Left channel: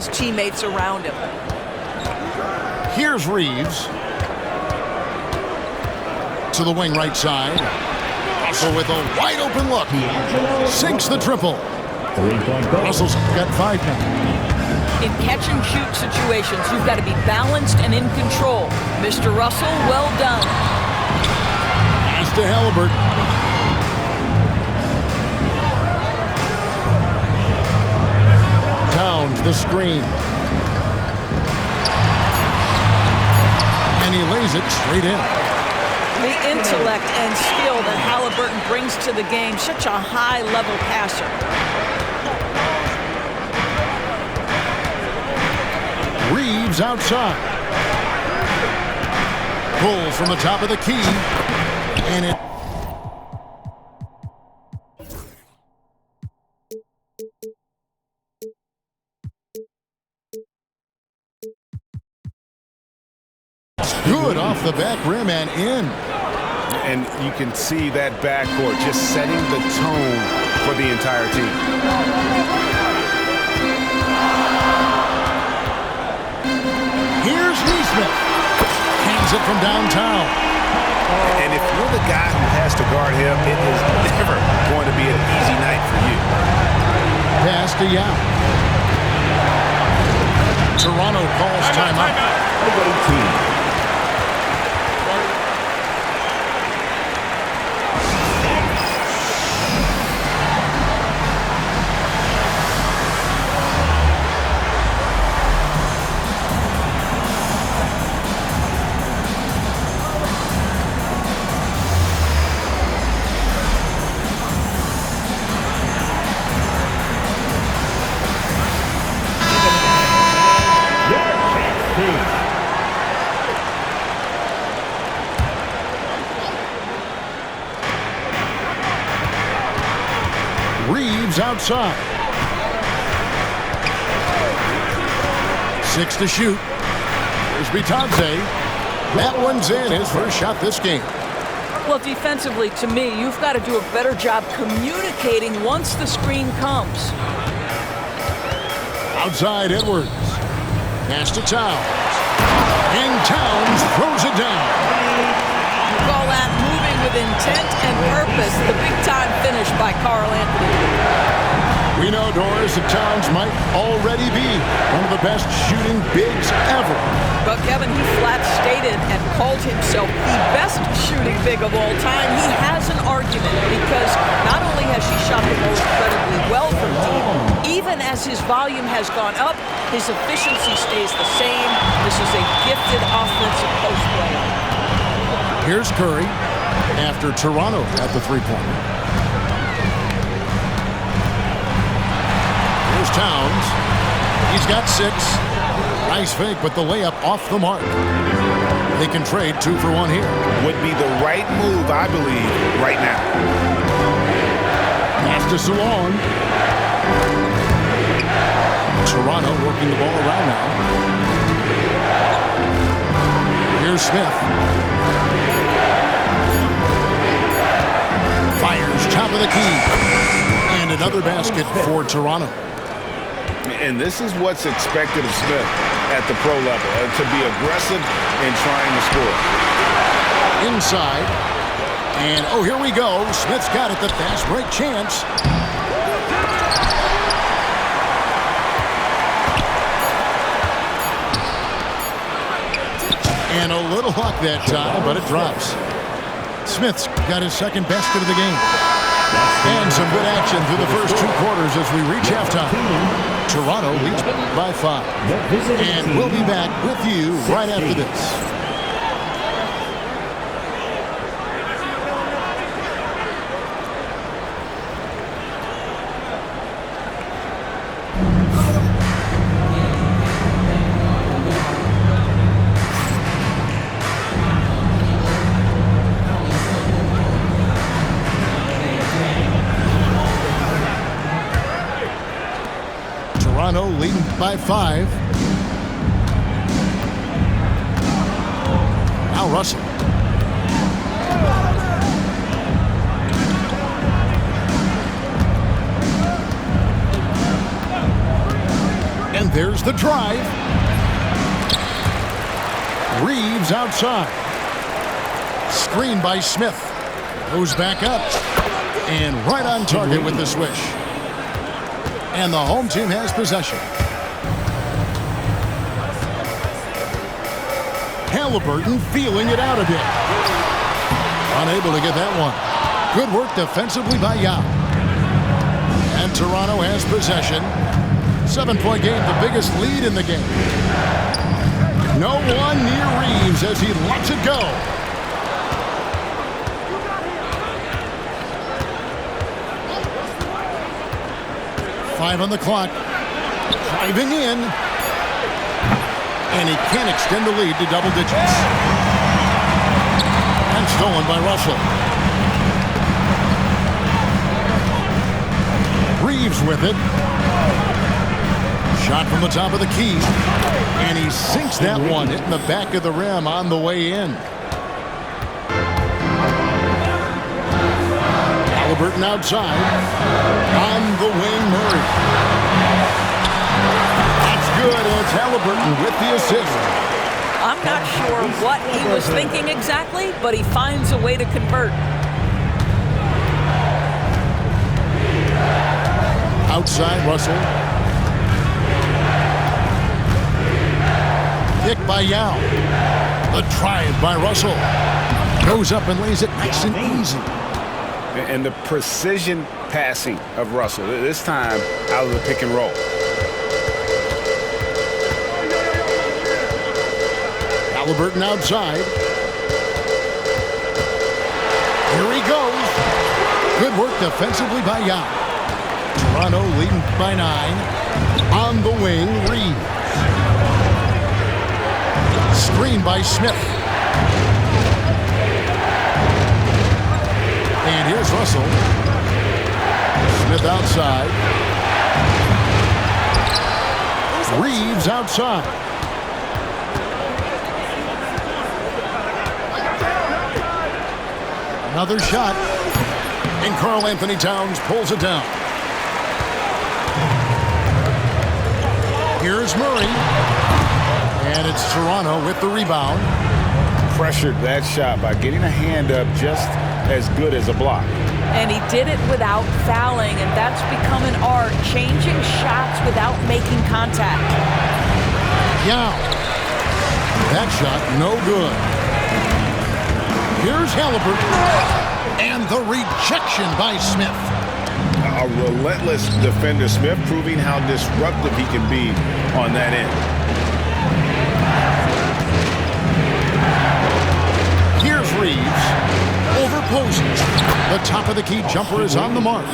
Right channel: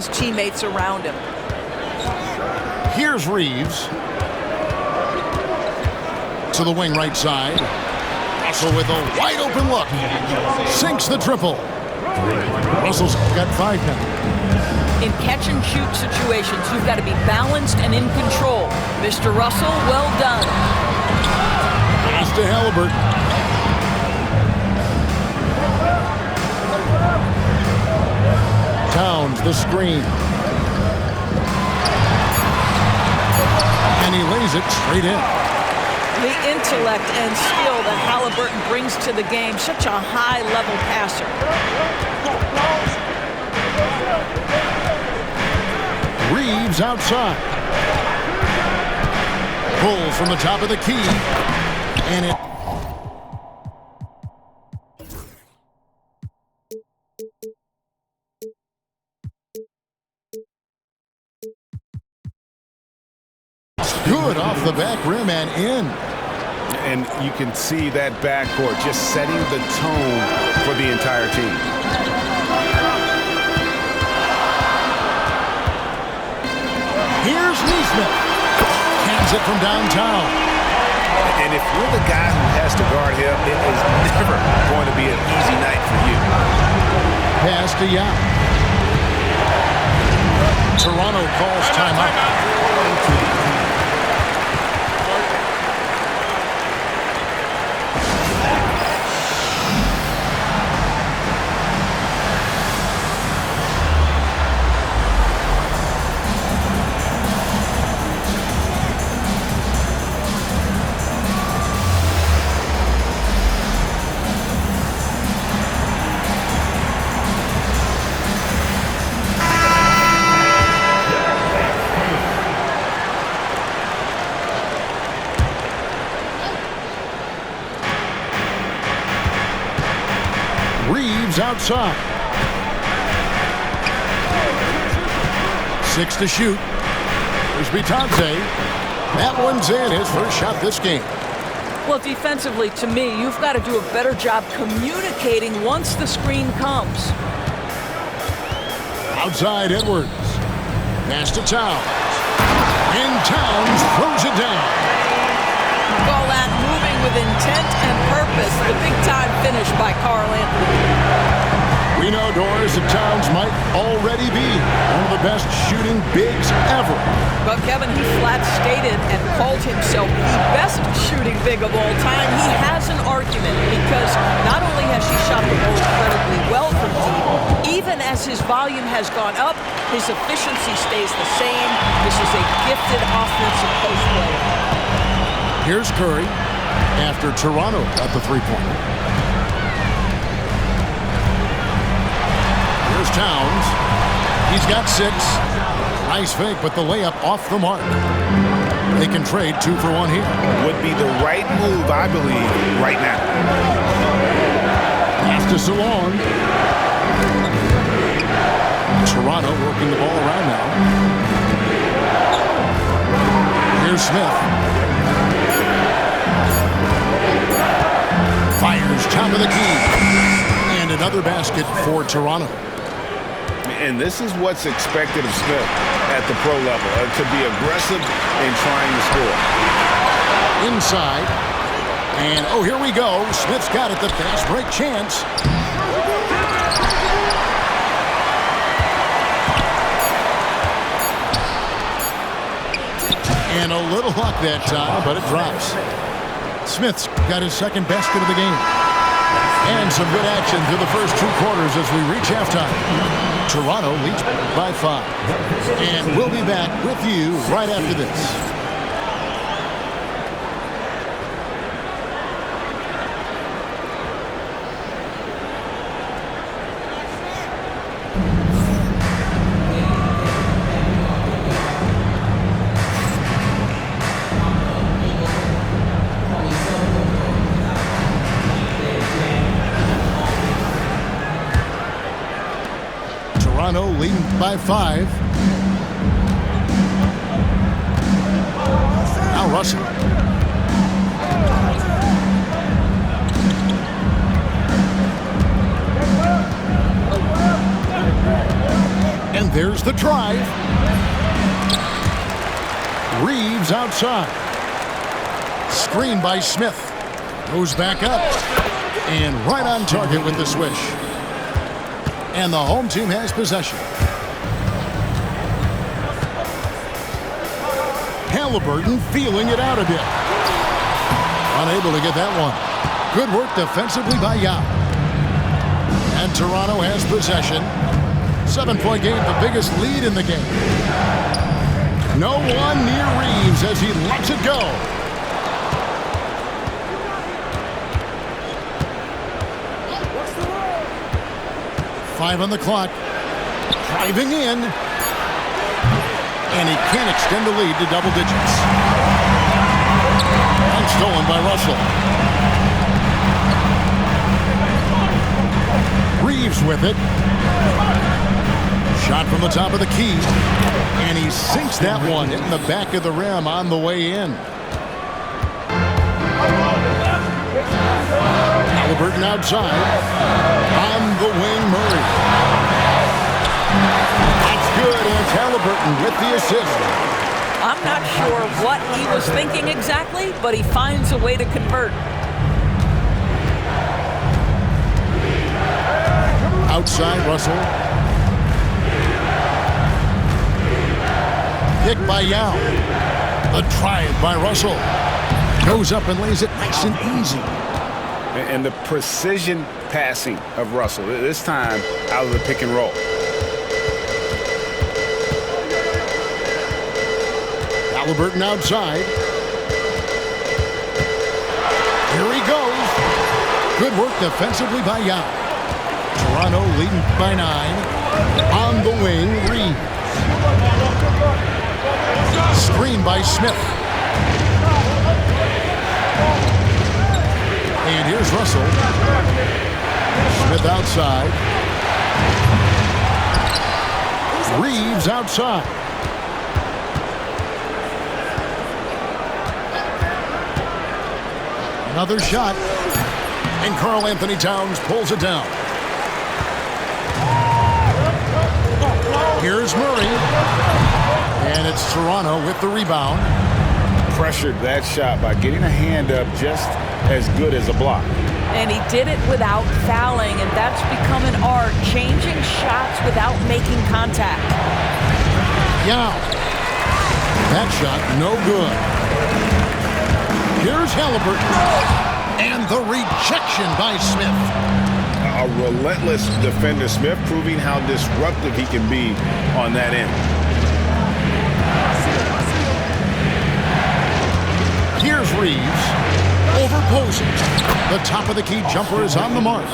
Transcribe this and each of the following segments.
his teammates around him. Here's Reeves. To the wing right side. Russell with a wide open look. Sinks the triple. Russell's got 5 now. In catch-and-shoot situations, you've got to be balanced and in control. Mr. Russell, well done. Pass to Halliburton. Towns the screen. And he lays it straight in. The intellect and skill that Halliburton brings to the game, such a high-level passer. Reeves outside. Pull from the top of the key. And it... good off the back rim and in. And you can see that backcourt just setting the tone for the entire team. Here's Nesmith. Hands it from downtown. And if you're the guy who has to guard him, it is never going to be an easy night for you. Pass to Yao. Toronto calls timeout. Reeves outside. 6 to shoot. Here's Bitadze. That one's in, his first shot this game. Well, defensively, to me, you've got to do a better job communicating once the screen comes. Outside Edwards. Pass to Towns. And Towns throws it down. Call that moving with intent and purpose. The big-time finish by Karl Anthony. We know, Doris, that Towns might already be one of the best shooting bigs ever. But Kevin, he flat stated and called himself the best shooting big of all time. He has an argument because not only has she shot the ball incredibly well from deep, even as his volume has gone up, his efficiency stays the same. This is a gifted offensive post player. Here's Curry after Toronto at the three-pointer. Here's Towns. He's got 6. Nice fake, but the layup off the mark. They can trade 2 for 1 here. Would be the right move, I believe, right now. Pass to Salon. Toronto working the ball around now. Here's Smith. Fires top of the key. And another basket for Toronto. And this is what's expected of Smith at the pro level, to be aggressive in trying to score. Inside. And, oh, here we go. Smith's got it, the fast break chance. And a little luck that time, but it drops. Smith's got his second basket of the game. And some good action through the first 2 quarters as we reach halftime. Toronto leads by 5. And we'll be back with you right after this. Toronto leading by 5. Now Russell. And there's the drive. Reeves outside. Screen by Smith. Goes back up. And right on target with the swish. And the home team has possession. Halliburton feeling it out a bit. Unable to get that one. Good work defensively by Yao. And Toronto has possession. 7-point game, the biggest lead in the game. No one near Reeves as he lets it go. Five on the clock. Driving in. And he can't extend the lead to double digits. And stolen by Russell. Reeves with it. Shot from the top of the key. And he sinks that one, hitting the back of the rim on the way in. Halliburton outside. On the wing, Murray. That's good, and it's Halliburton with the assist. I'm not sure what he was thinking exactly, but he finds a way to convert. Outside, Russell. Kick by Yao. The drive by Russell. Goes up and lays it nice and easy. And the precision passing of Russell, this time out of the pick and roll. Halliburton outside. Here he goes. Good work defensively by Yao. Toronto leading by 9. On the wing, Reeves. Screen by Smith. And here's Russell. Smith outside. Reeves outside. Another shot. And Karl Anthony Towns pulls it down. Here's Murray. And it's Toronto with the rebound. Pressured that shot by getting a hand up just as good as a block. And he did it without fouling, and that's become an art, changing shots without making contact. Yao. That shot no good. Here's Halliburton. And the rejection by Smith. A relentless defender, Smith, proving how disruptive he can be on that end. Here's Reeves. Over Posey. The top of the key jumper is on the mark.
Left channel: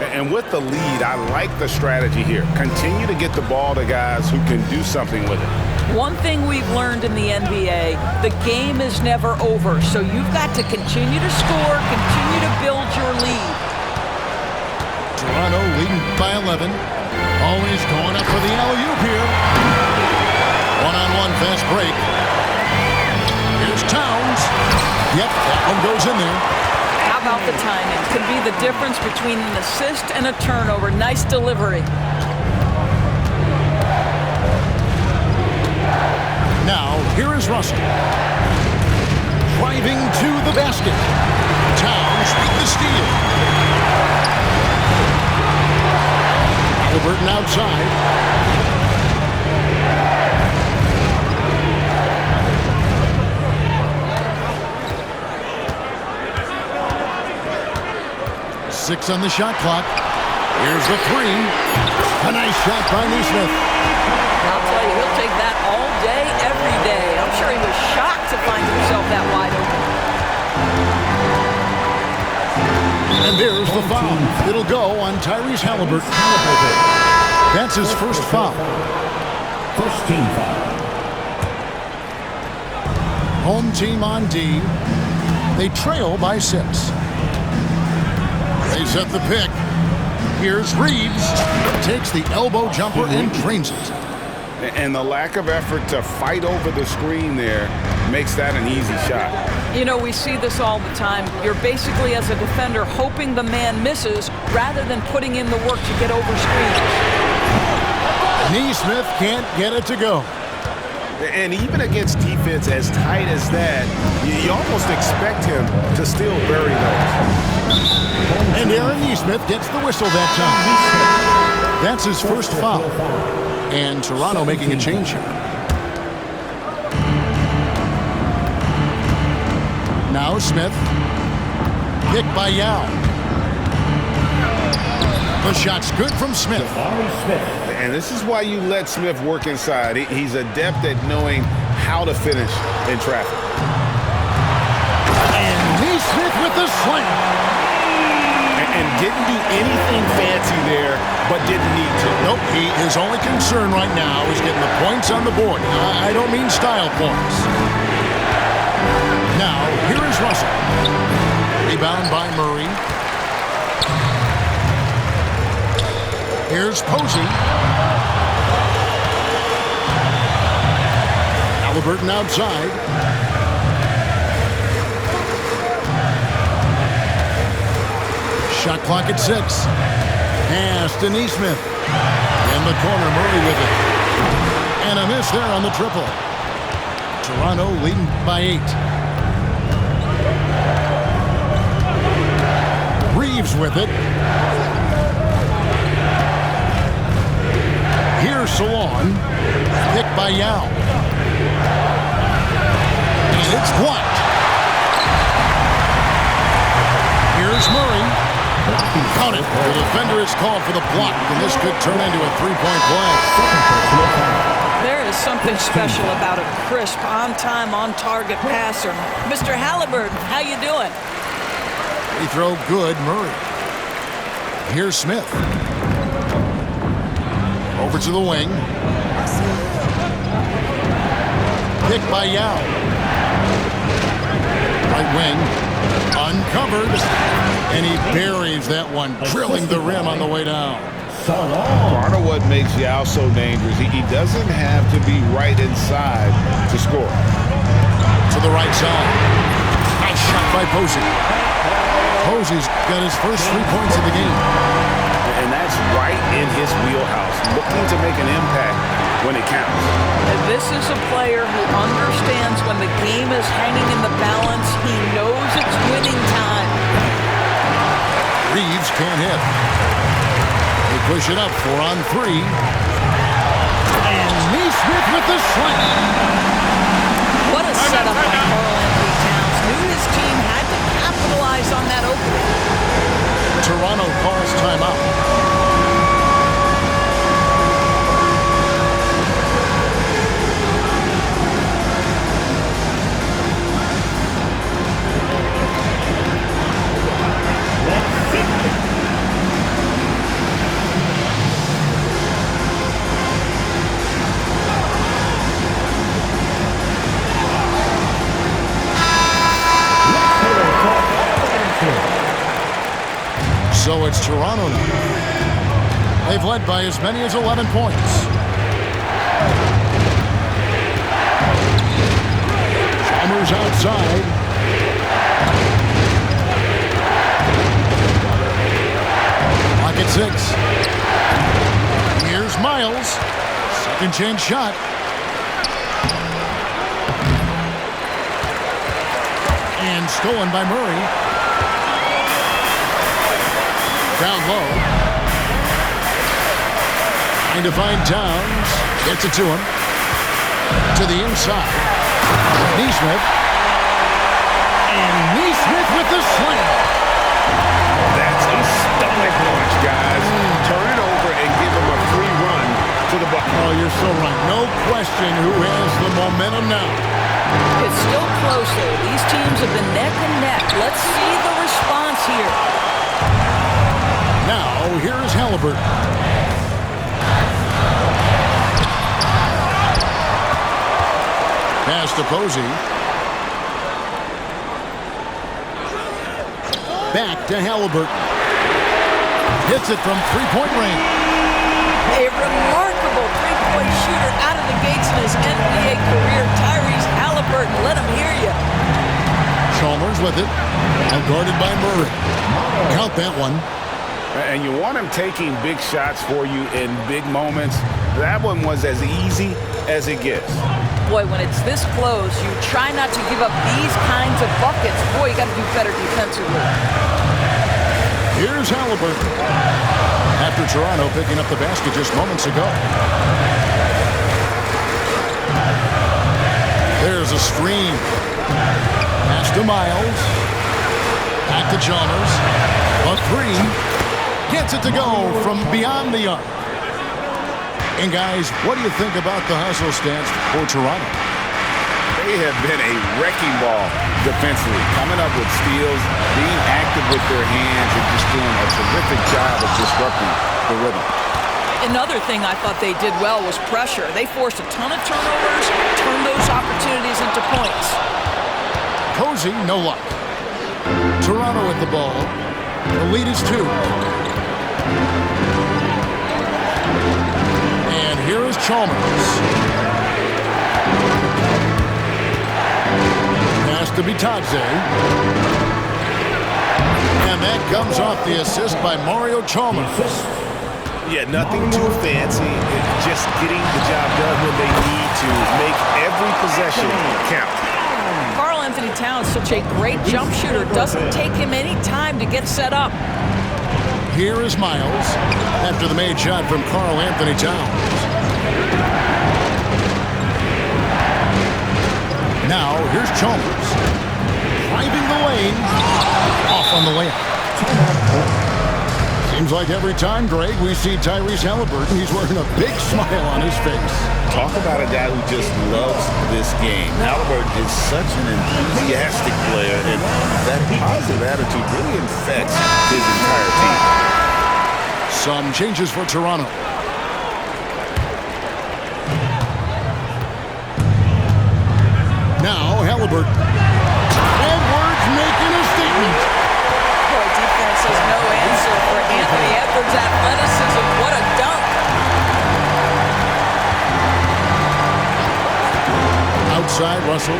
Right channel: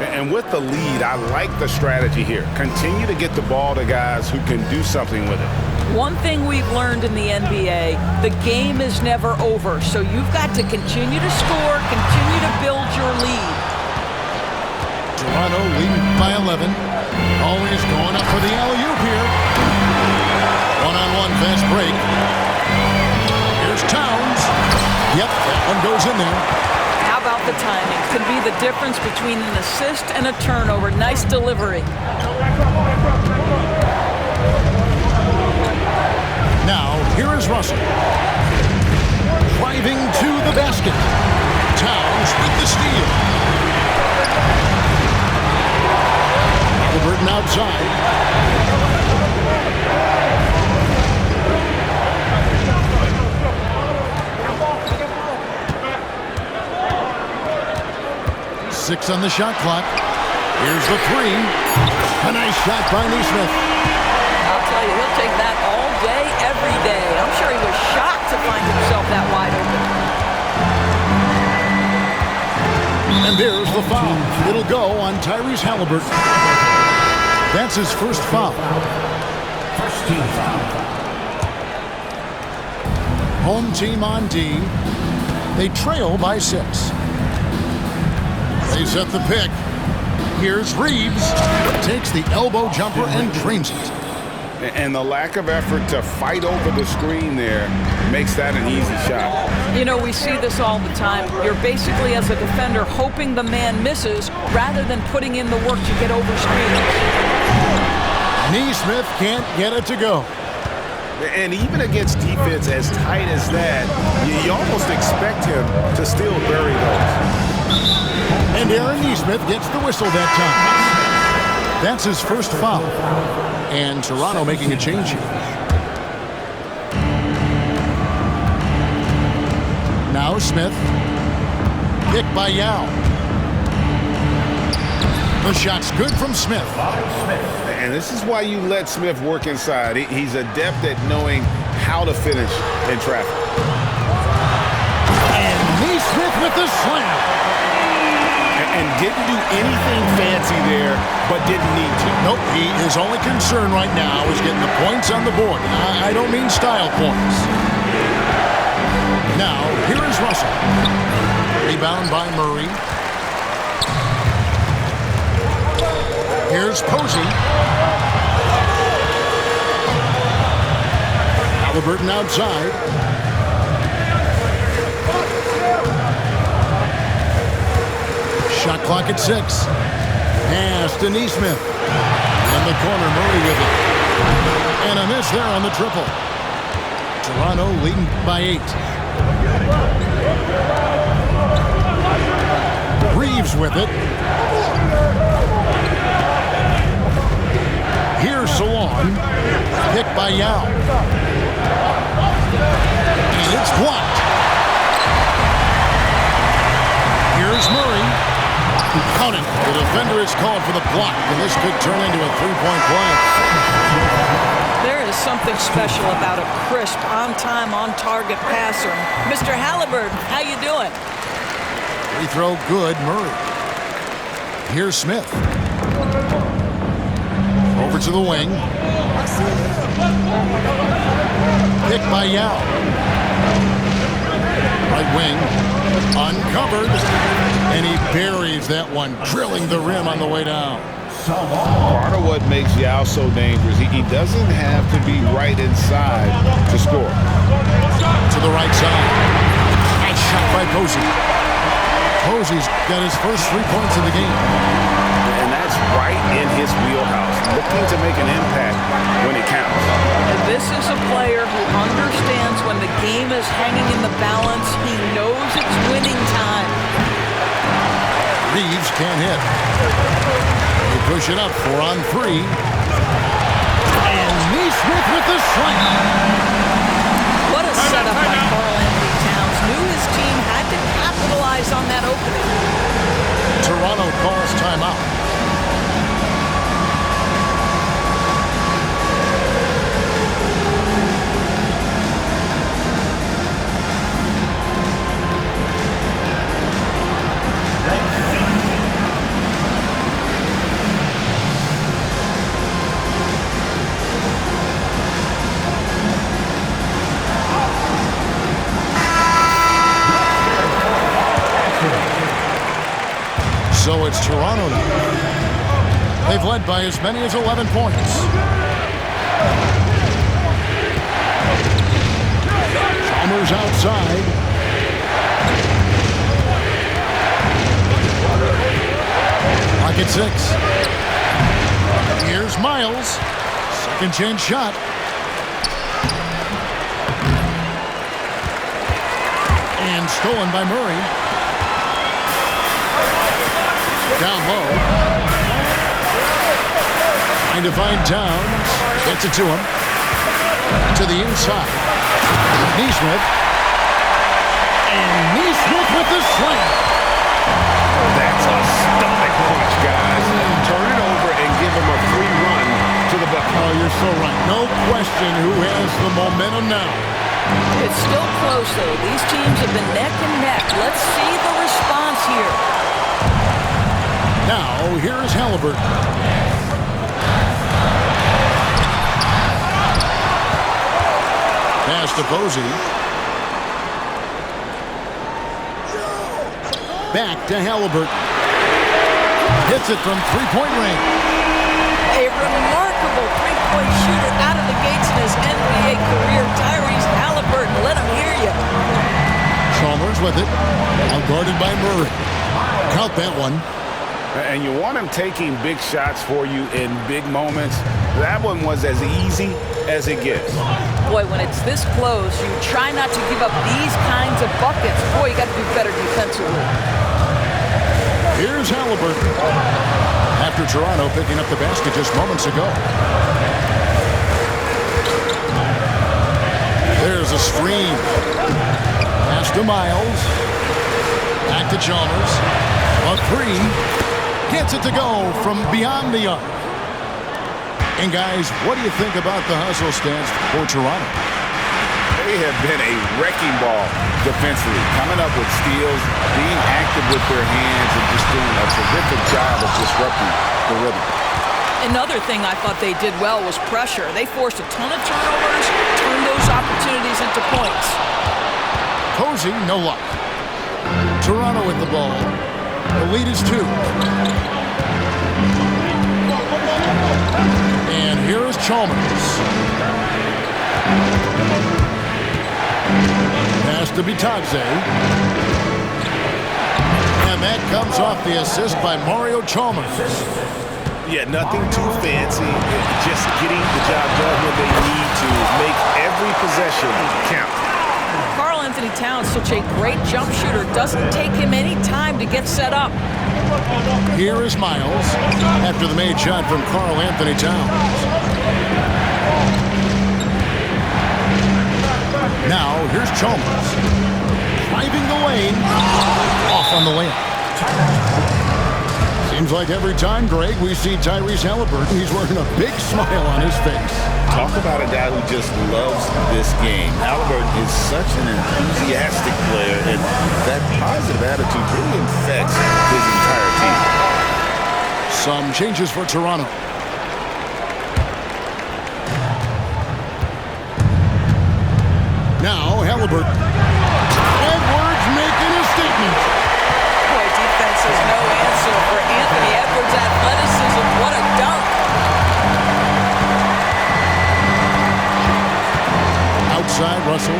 And with the lead, I like the strategy here. Continue to get the ball to guys who can do something with it. One thing we've learned in the NBA, the game is never over. So you've got to continue to score, continue to build your lead. Toronto leading by 11. Always going up for the alley-oop here. One-on-one fast break. Here's Towns. Yep, that one goes in there. How about the timing? Could be the difference between an assist and a turnover. Nice delivery. Now, here is Russell. Driving to the basket. Towns with the steal. Halliburton outside. Six on the shot clock. Here's the three. A nice shot by Nesmith. I'll tell you, he'll take that all day, every day. I'm sure he was shocked to find himself that wide open. And there's the foul. It'll go on Tyrese Halliburton. That's his first foul. First team foul. Home team on D. They trail by 6. They set the pick. Here's Reeves. Takes the elbow jumper and drains it. And the lack of effort to fight over the screen there makes that an easy shot. You know, we see this all the time. You're basically, as a defender, hoping the man misses rather than putting in the work to get over screens. Neesmith can't get it to go. And even against defense as tight as that, you almost expect him to still bury those. And Aaron Neesmith gets the whistle that time. That's his first foul. And Toronto making a change here. Now Smith. Pick by Yao. The shot's good from Smith. And this is why you let Smith work inside. He's adept at knowing how to finish in traffic. And Neesmith with the slam. And didn't do anything fancy there, but didn't need to. Nope, his only concern right now is getting the points on the board. I don't mean style points. Now, here is Russell. Rebound by Murray. Here's Posey. Halliburton outside. Shot clock at 6. Pass to Neesmith. In the corner, Murray with it. And a miss there on the triple. Toronto leading by 8. Reeves with it. Here's Salon. Pick by Yao. And it's blocked. Here's Murray. Count it. The defender is called for the block, and this could turn into a three-point play. There is something special about a crisp, on-time, on-target passer. Mr. Halliburton, how you doing? Free throw good, Murray. Here's Smith. Over to the wing. Pick by Yao. Right wing. Uncovered. And he buries that one, drilling the rim on the way down. Part of what makes Yao so dangerous, he doesn't have to be right inside to score. To the right side. Nice shot by Posey. Posey's got his first 3 points of the game. And that's right in his wheelhouse, looking to make an impact when it counts. And this is a player who understands when the game is hanging in the balance. He knows it's winning time. Reeves can't hit. They push it up 4 on 3. And Neesmith with the slam. What a setup by Karl-Anthony Towns. Knew his team had to capitalize on that opening. Toronto calls timeout. So it's Toronto now. They've led by as many as 11 points. Chalmers outside. Clock at 6. Here's Miles. Second chance shot. And stolen by Murray. Down low. Trying to find Towns. Gets it to him. To the inside. Neesmith. And Neesmith with the slam. That's a stomach punch, guys. Turn it over and give him a free run to the bucket. Oh, you're so right. No question who has the momentum now. It's still close, though. These teams have been neck and neck. Let's see the response here. Now, here is Halliburton. Pass to Posey. Back to Halliburton. Hits it from three-point range. A remarkable three-point shooter out of the gates in his NBA career. Tyrese Halliburton, let him hear you. Chalmers with it. Now guarded by Murray. Count that one. And you want him taking big shots for you in big moments. That one was as easy as it gets. Boy, when it's this close, you try not to give up these kinds of buckets. Boy, you got to do better defensively. Here's Halliburton. After Toronto picking up the basket just moments ago. There's a screen. Pass to Miles. Back to Chalmers. A three. Gets it to go from beyond the arc. And guys, what do you think about the hustle stance for Toronto? They have been a wrecking ball defensively, coming up with steals, being active with their hands, and just doing a terrific job of disrupting the rhythm. Another thing I thought they did well was pressure. They forced a ton of turnovers, turned those opportunities into points. Posey, no luck. Toronto with the ball. The lead is 2. And here is Chalmers. Pass to Bitadze. And that comes off the assist by Mario Chalmers. Yeah, nothing too fancy. Just getting the job done when they need to. Make every possession count. Karl-Anthony Towns, such a great jump shooter. Doesn't take him any time to get set up. Here is Miles after the made shot from Karl-Anthony Towns. Now here's Chalmers. Driving the lane. Off on the layup. Seems like every time, Greg, we see Tyrese Halliburton, he's wearing a big smile on his face. Talk about a guy who just loves this game. Halliburton is such an enthusiastic player, and that positive attitude really infects his entire team. Some changes for Toronto. Now Halliburton. Edwards making a statement. Boy, defense has no answer for Anthony Edwards' athleticism. What a dunk. Outside, Russell.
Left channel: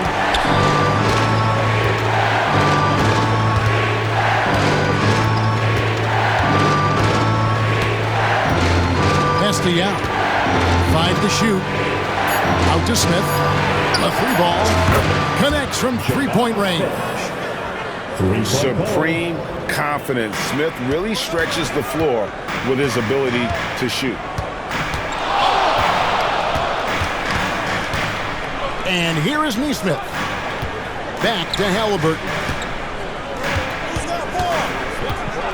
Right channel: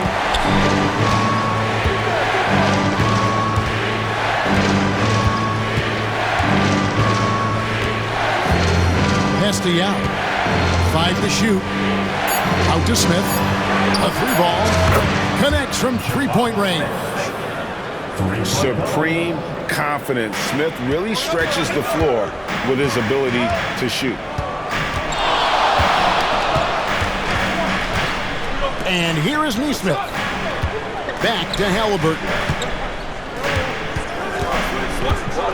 Pass to Yao. 5 to shoot. Out to Smith. A 3-ball. Connects from 3-point range. Supreme confidence. Smith really stretches the floor with his ability to shoot. And here is Nesmith. Back to Halliburton.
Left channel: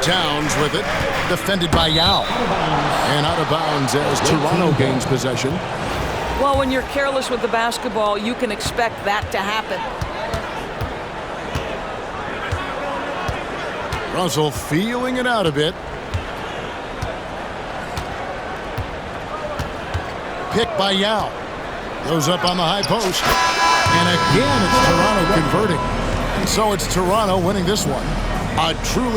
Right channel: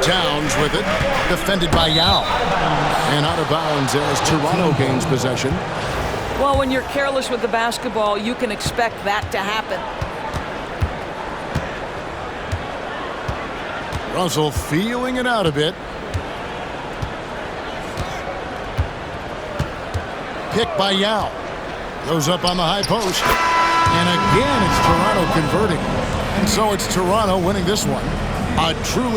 Towns with it. Defended by Yao. And out of bounds as Toronto gains possession. Well, when you're careless with the basketball, you can expect that to happen. Russell feeling it out a bit. Pick by Yao. Goes up on the high post. And again, it's Toronto converting. And so it's Toronto winning this one. A truly